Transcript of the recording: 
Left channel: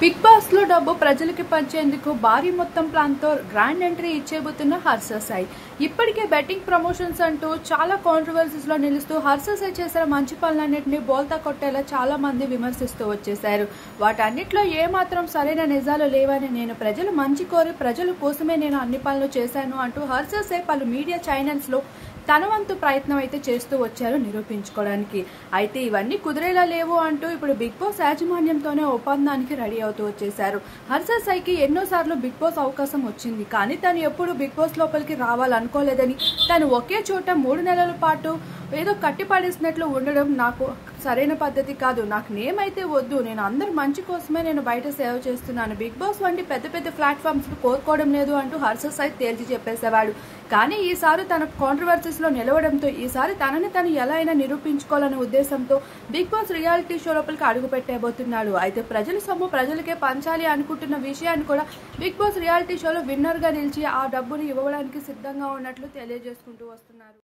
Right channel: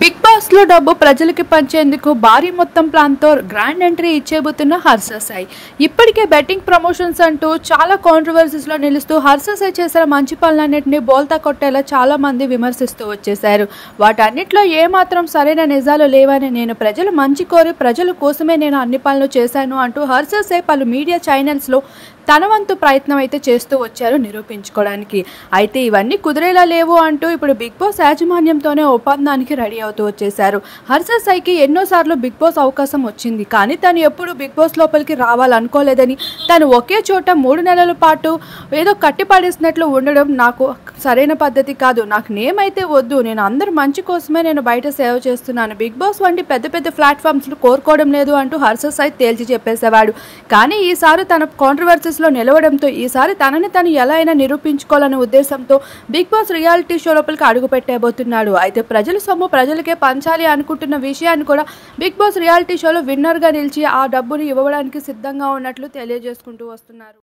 Big boss లో డబ్బు ప్రజలకి పంచేందుకు భారీ మొత్తం ప్లాన్ తో గ్రాండ్ ఎంట్రీ ఇచ్చేబోతున్న హర్ష సాయి. ఇప్పటికే బెట్టింగ్ ప్రమోషన్స్ అంటూ చాలా కాంట్రవర్సీస్ లో నిలుస్తూ హర్ష సాయి చేసిన మంచి పనులన్నింటినీ బోల్తా కొట్టేలా చాలా మంది విమర్శిస్తూ వచ్చేశారు. వాటన్నిటిలో ఏమాత్రం సరైన నిజాలు లేవని, నేను ప్రజలు మంచి కోరి ప్రజల కోసమే నేను అన్ని పనులు చేశాను అంటూ హర్ష సాయి పలు మీడియా ఛానల్స్ లో తన వంతు ప్రయత్నం అయితే చేస్తూ వచ్చారు నిరూపించుకోవడానికి. అయితే ఇవన్నీ కుదిరేలా లేవు అంటూ ఇప్పుడు బిగ్ బాస్ యాజమాన్యంతోనే ఒప్పందానికి రెడీ అవుతూ వచ్చేశారు. హర్ష సాయికి ఎన్నోసార్లు బిగ్ బాస్ అవకాశం వచ్చింది, కానీ తను ఎప్పుడు బిగ్ బాస్ లోపలికి రావాలనుకోలేదని, తను ఒకే చోట 3 నెలల పాటు ఏదో కట్టిపడేసినట్లు ఉండడం నాకు సరైన పద్ధతి కాదు, నాకు నేమ్ అయితే వద్దు, నేను అందరు మంచి కోసమే నేను బయట సేవ చేస్తున్నాను, బిగ్ బాస్ వంటి పెద్ద పెద్ద ప్లాట్ఫామ్స్ కోరుకోవడం లేదు అంటూ హర్ష సాయి తేల్చి చెప్పేసేవాడు. కానీ ఈసారి తన కాంట్రవర్సీస్ లో నిలవడంతో ఈసారి తనని తను ఎలా అయినా నిరూపించుకోవాలనే ఉద్దేశంతో బిగ్ బాస్ రియాలిటీ షో లోపలికి అడుగు పెట్టబోతున్నాడు. అయితే ప్రజల సొమ్ము ప్రజలకే పంచాలి అనుకుంటున్న విషయాన్ని కూడా బిగ్ బాస్ రియాలిటీ షోలో విన్నర్ గా నిలిచి ఆ డబ్బుని ఇవ్వడానికి సిద్ధంగా ఉన్నట్లు తెలియజేసుకుంటూ వస్తున్నారు.